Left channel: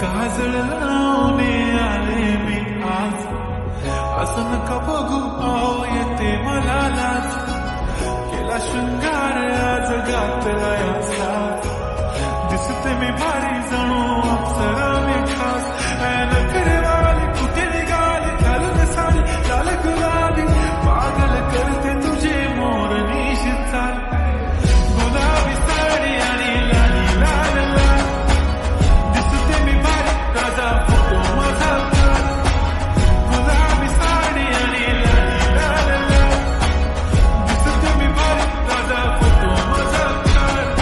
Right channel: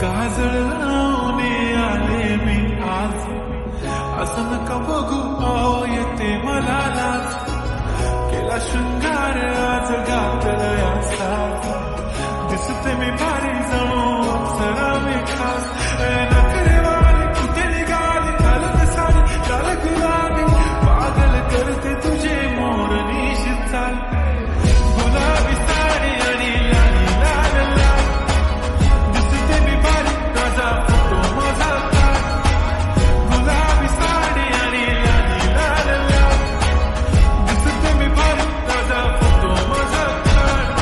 काजळ लावून आले मी आज, असं नका बघू अहो येते मला लाज. केला शृंगार आज घातला साज, दिसते मी भारी जणू अप्सरा मी खास. नखरे वाली कुठे निघाली घालून साडी लाल गुलाबी, पागल करते तुझे मोरनी चाल. गुलाबी साडी आणि लाली लाल लाल, दिसते मी भारी राजा फोटो माझा काढ. गुलाबी साडी आणि लाली लाल लाल, दिसते मी भारी राजा फोटो माझा काढ.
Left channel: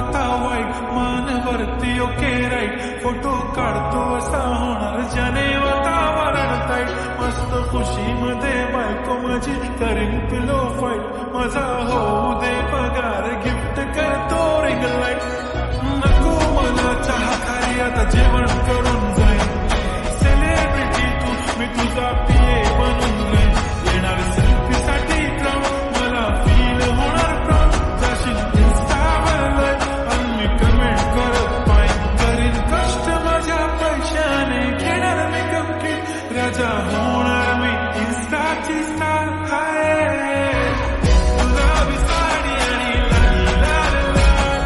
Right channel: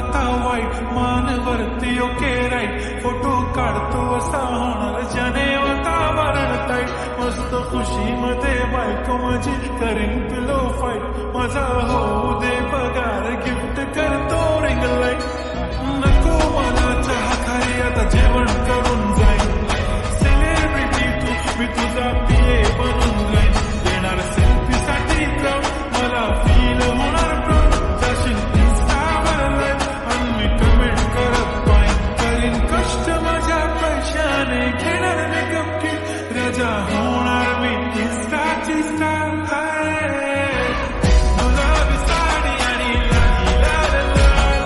आता वाईट मान वरती ओके राईट, फोटो काढतो असा होणार ज्याने वातावरण ताईट. मस्त खुशी मध्ये बायको माझी करीन पिलो फाईट, माझा होऊ दे पगार गिफ्ट करतो रिंग लाईट. नको मला चहा खारी आता जेवण करून जाईन, सेलिब्रिटी तू मी तुझा पिये बनून राहीन. येणार सेल्फी साठी क्राऊड मला फील होणार प्राऊड, जाशील इन्स्टावर लाईव्ह आणि मी कमेंट करत पाहिन. करीन कष्ट माझ्या पैशाने घेणार मेकअप किट, राजा होणार मी इन्स्टाची स्टार. हाय गुलाबी साडी आणि लाली लाल लाल,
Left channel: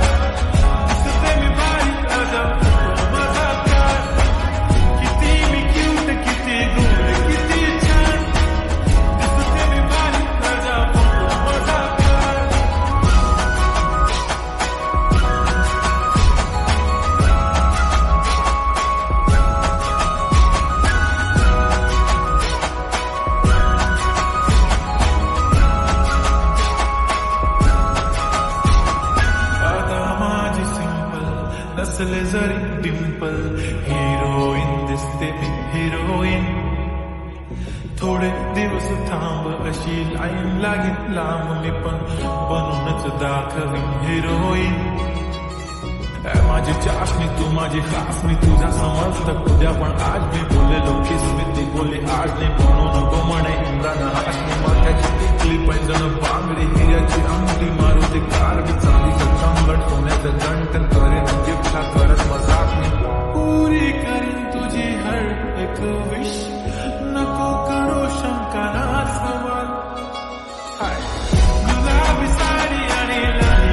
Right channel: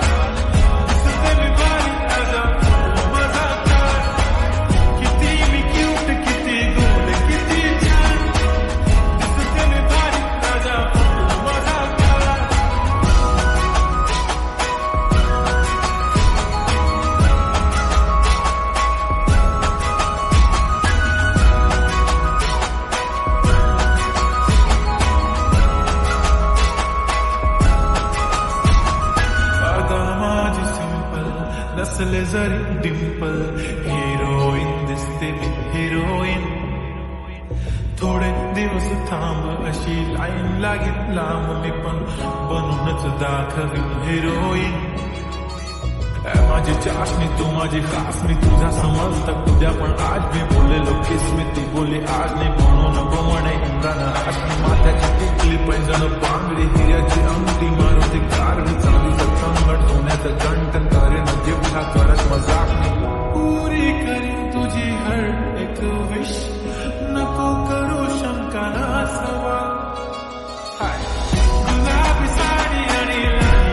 दिसते मी भारी राजा फोटो माझा काढ. किती मी क्यूट किती गोड किती छान, दिसते मी भारी राजा फोटो माझा काढ. माझी सिंपल नसले जरी डिंपल, हिरोईन दिसते मी हिरोईन. थोडे दिवस थांब अशी लाईन लागेल लांब, मी पण बनूनच दाखवीन हिरोईन. माझी चाशनी तू माझी खास, मी तुझा समजत उद्या पण आज मी बोललेलो किस मी ती बोली आज नाही. म्हणू नको म्हणे इम्रान हाशमी, माथ्याची टिकली पैंजण बांगडी हिऱ्याची अंगठी, मारुती कारवी चांदीचं कंगण सोन्याचं गंटन, करेन गिफ्ट हा करत मजाक मी. पुरी करीन तुझी हर एक विश, नको करू शंका ना सवाल. हाय गुलाबी साडी आणि लाल